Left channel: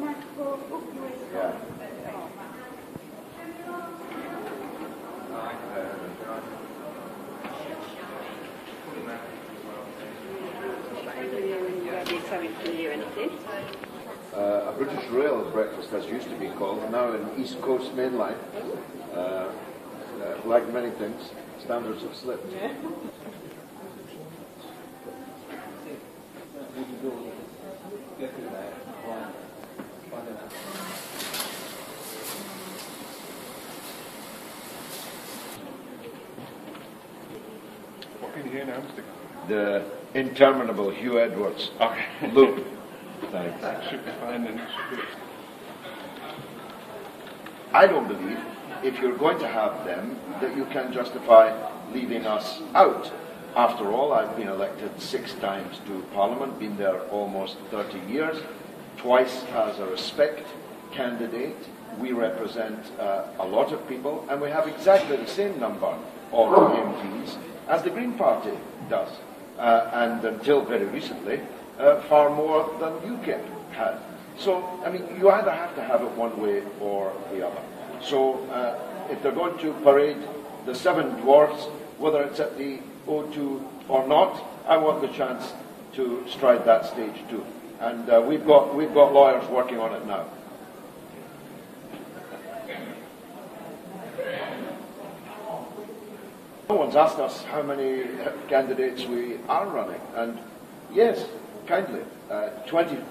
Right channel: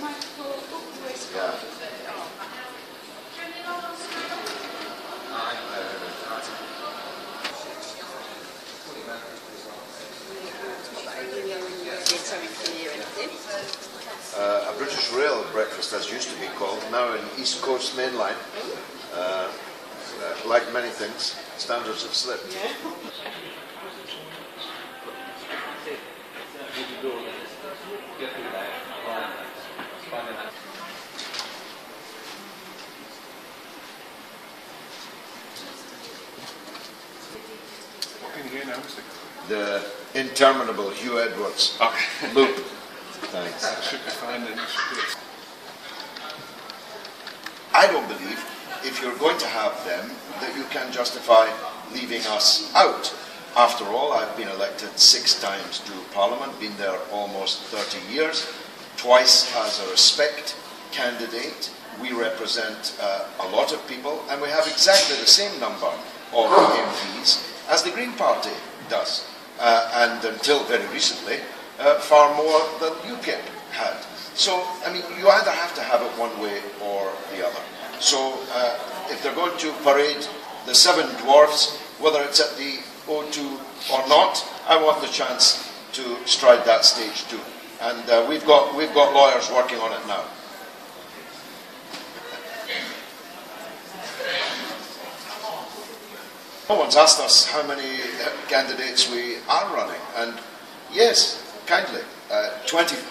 Yeah. A British Rail breakfast, as used to be called, now an East Coast mainline. Like many things, standards have slipped. Yeah. The interminable Hugh Edwards loop. Thanks. I don't believe, if you're going to have them, that you can justify leaving us out. After all, I've been elected 6 times to Parliament, been there almost 30 years, twice as a respect candidate. We represent a lot of people, and we have exactly the same number of MPs as the Green Party does. And until very recently, far more than UKIP had. So, I mean, you either have to have it one way or the other. So, if they're going to parade the 7 dwarfs, whether it's at the O2 or not, I want the chance to stride that stage too. And we've got lawyers working on it now. No one's asked us how many candidates we are running, and yes, kindly, 25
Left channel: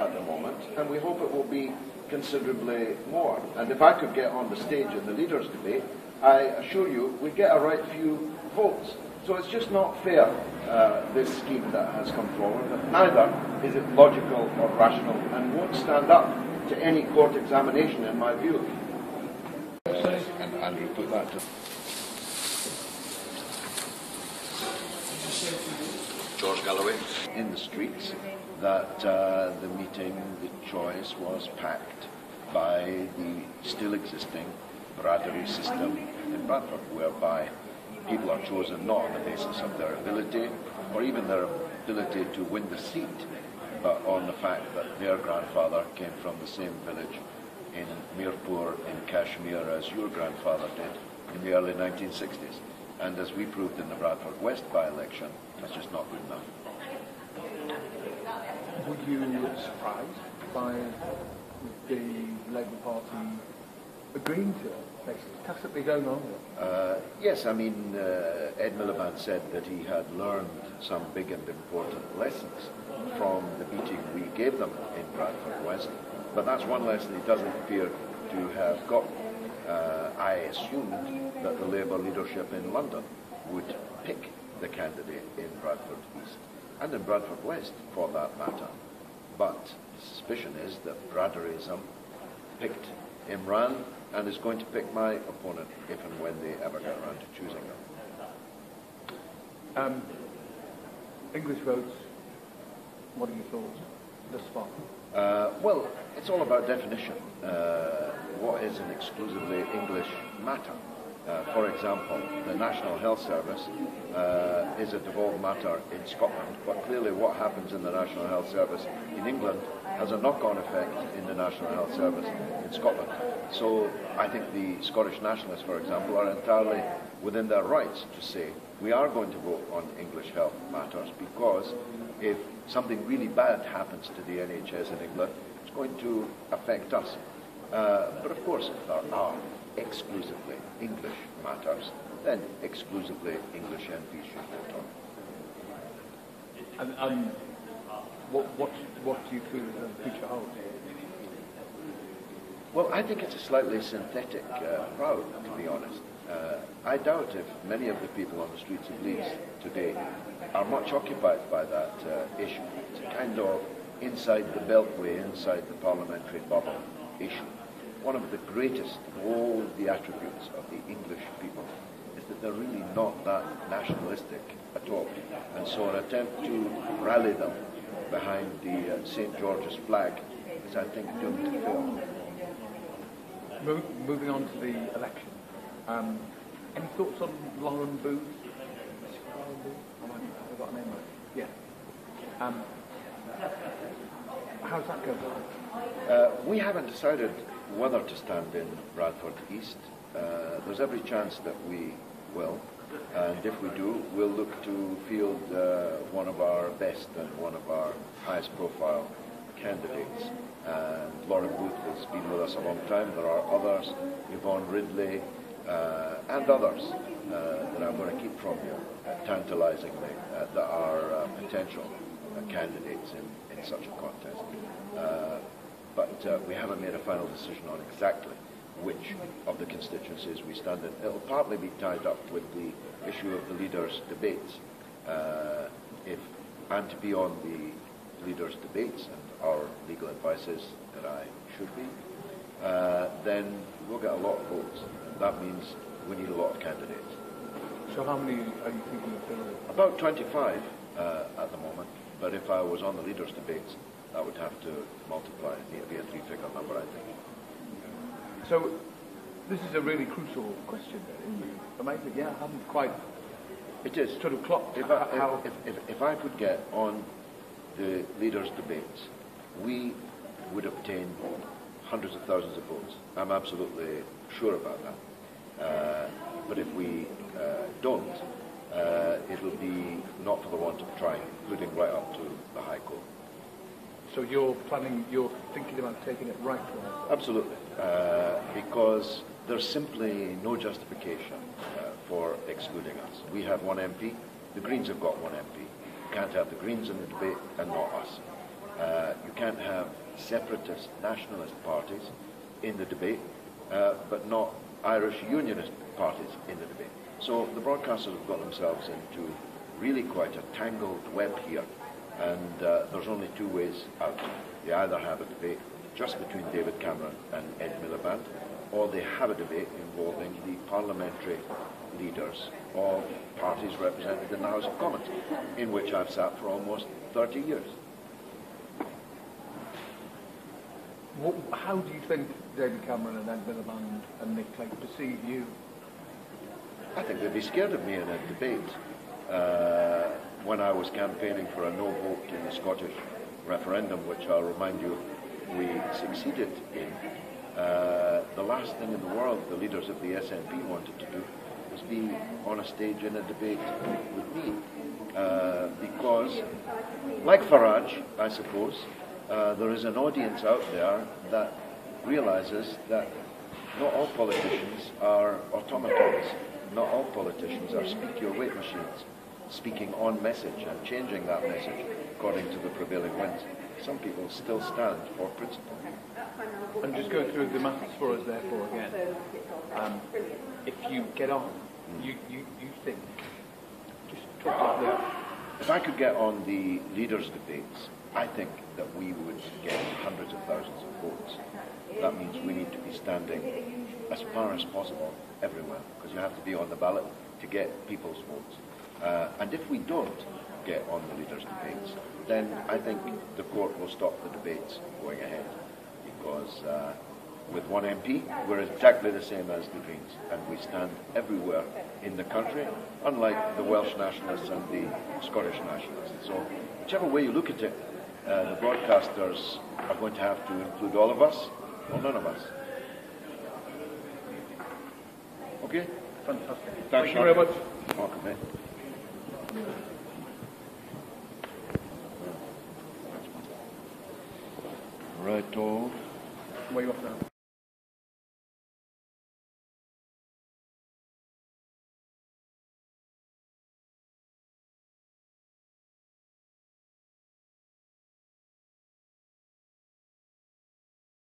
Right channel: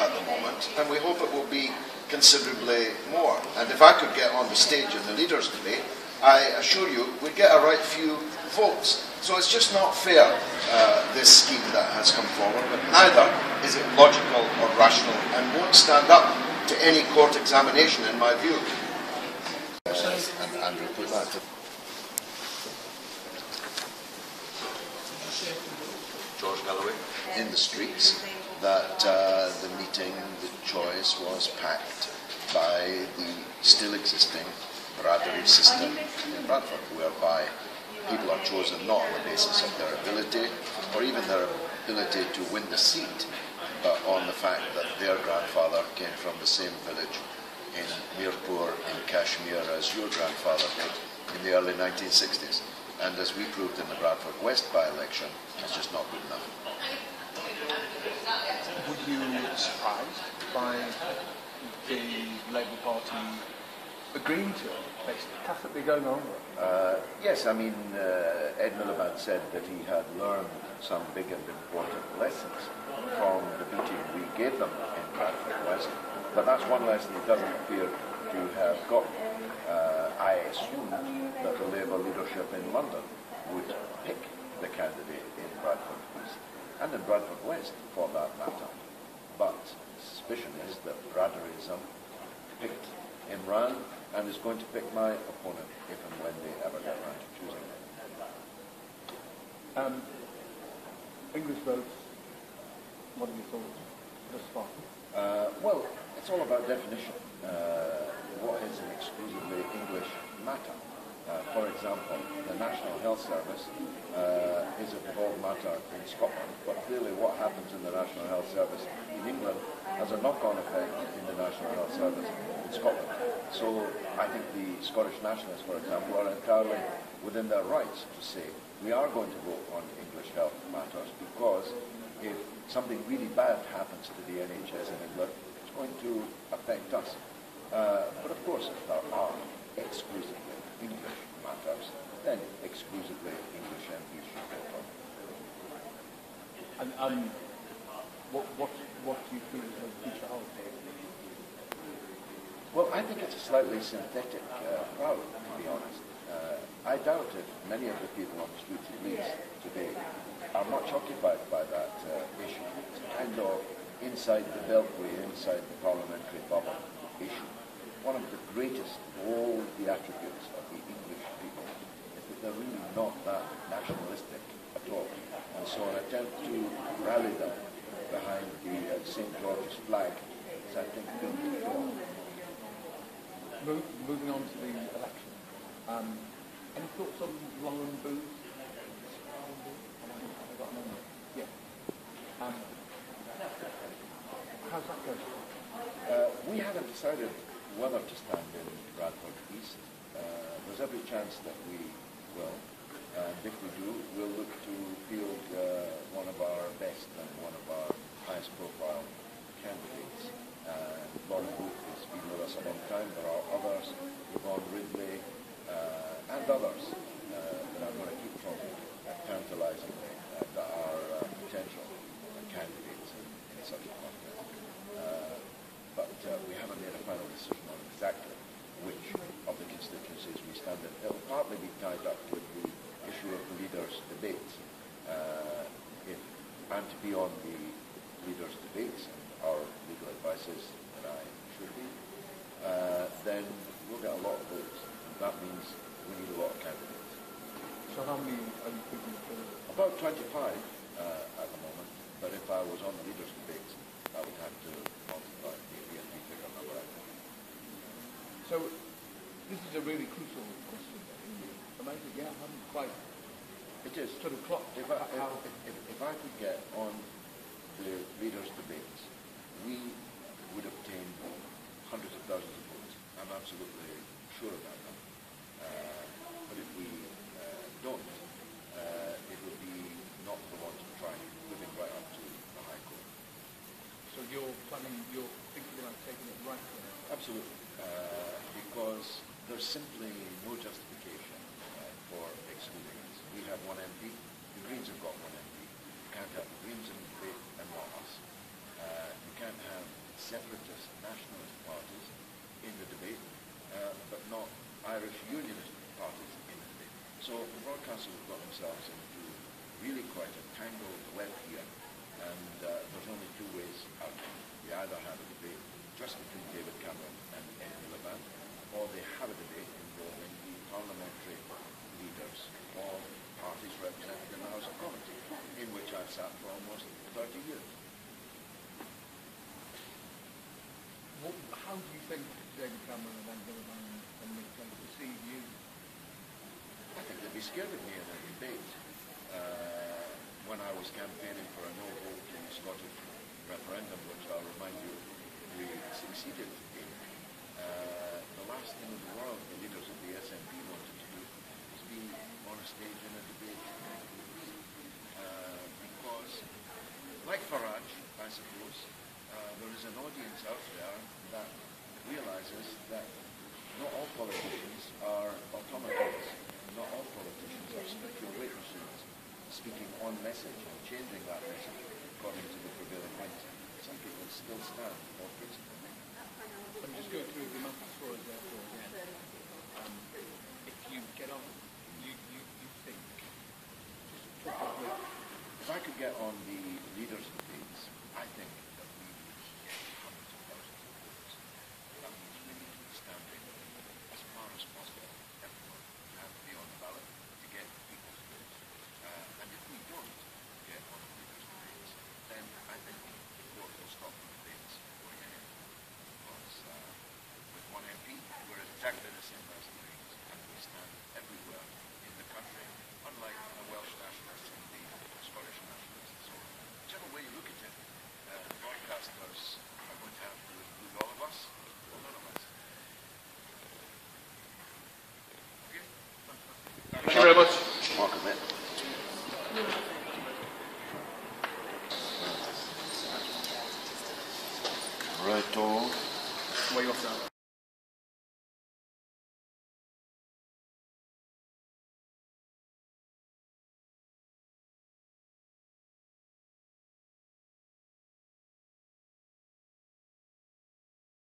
at the moment, and we hope it will be considerably more. And if I could get on the stage in the leaders' debate, I assure you we'd get a right few votes. So it's just not fair, this scheme that has come forward, but neither is it logical or rational, and won't stand up to any court examination in my view. And Andrew put that. Galloway in the streets, that the meeting, the choice was packed by the still existing Bradbury system in Bradford, whereby people are chosen not on the basis of their ability or even their ability to win the seat, but on the fact that their grandfather came from the same village in Mirpur in Kashmir as your grandfather did in the early 1960s. And as we proved in the Bradford West by-election, it's just not good enough. Were you surprised by the Labour Party agreeing to it, basically, tacitly going on? Yes, I mean, Ed Miliband said that he had learned some big and important lessons from the beating we gave them in Bradford West, but that's one lesson he doesn't appear to have got. I assumed that the Labour leadership in London would pick the candidate in Bradford East, and in Bradford West for that matter. But the suspicion is that Bradburyism picked Imran and is going to pick my opponent if and when they ever get around to choosing him. English votes, what are your thoughts thus far? Well, it's all about definition. What is an exclusively English matter? For example, the National Health Service is a devolved matter in Scotland, but clearly what happens in the National Health Service in England has a knock-on effect in the National Health Service in Scotland. So I think the Scottish nationalists, for example, are entirely within their rights to say we are going to vote on English health matters because if something really bad happens to the NHS in England, it's going to affect us. But of course, if there are exclusively English matters, then exclusively English MPs should vote on. And what do you feel is the future holds? Well, I think it's a slightly synthetic crowd, to be honest. I doubt if many of the people on the streets of Leeds today are much occupied by that issue. It's a kind of inside the beltway, inside the parliamentary bubble issue. One of the greatest of all the attributes of the English people is that they're really not that nationalistic at all. And so an attempt to rally them behind the St. George's flag is, I think, doomed to fail. Moving on to the election. Any thoughts on Lauren Booth? Yeah. how's that going? We haven't decided whether to stand in Bradford East. There's every chance that we will, and if we do, we'll look to field one of our best and one of our highest profile candidates. Laura Booth has been with us a long time. There are others, Yvonne Ridley, and others that I'm going to keep from you, tantalisingly, that are potential candidates in such a contest. But we haven't made a final decision on exactly which of the constituencies we stand in. It'll partly be tied up with the issue of the leaders' debates. If I'm to be on the leaders' debates, and our legal advice is that I should be, then we'll get a lot of votes. That means we need a lot of candidates. So how many are you thinking of doing? About 25 at the moment, but if I was on the leaders' debates, I would have to multiply. It'd be a three-figure number, I think. So this is a really crucial question. Yeah, I haven't quite. It is. Sort of clocked. If I could get on the leaders' debates, we would obtain hundreds of thousands of votes. I'm absolutely sure about that. But if we don't, it'll be not for the want of trying, including right up to the High Court. So you're thinking about taking it right to us? Absolutely, because there's simply no justification for excluding us. We have one MP, the Greens have got one MP. You can't have the Greens in the debate and not us. You can't have separatist nationalist parties in the debate, but not Irish unionist parties in the debate. So the broadcasters have got themselves into really quite a tangled web here. And there's only two ways out. They either have a debate just between David Cameron and Ed Miliband, or they have a debate involving the parliamentary leaders of parties represented in the House of Commons, in which I've sat for almost 30 years. How do you think David Cameron and Ed Miliband and Nick Clegg perceive you? I think they'd be scared of me in a debate. When I was campaigning for a no vote in the Scottish referendum, which I'll remind you we succeeded in, the last thing in the world the leaders of the SNP wanted to do was be on a stage in a debate with me. Because, like Farage, I suppose, there is an audience out there that realises that not all politicians are automatons. Not all politicians are speak-your-weight machines, speaking on message and changing that message according to the prevailing winds. Some people still stand for principle. And just go through the maths for us, therefore, again. If you get on, you think, just talk about that. If I could get on the leaders' debates, I think that we would get hundreds of thousands of votes. That means we need to be standing as far as possible everywhere, because you have to be on the ballot to get people's votes. And if we don't get on the leaders' debates, then I think the court will stop the debates going ahead, because with one MP, we're exactly the same as the Greens, and we stand everywhere in the country, unlike the Welsh nationalists and the Scottish nationalists. So whichever way you look at it, the broadcasters are going to have to include all of us or none of us. Okay? Fantastic. Thank you very much. Welcome in.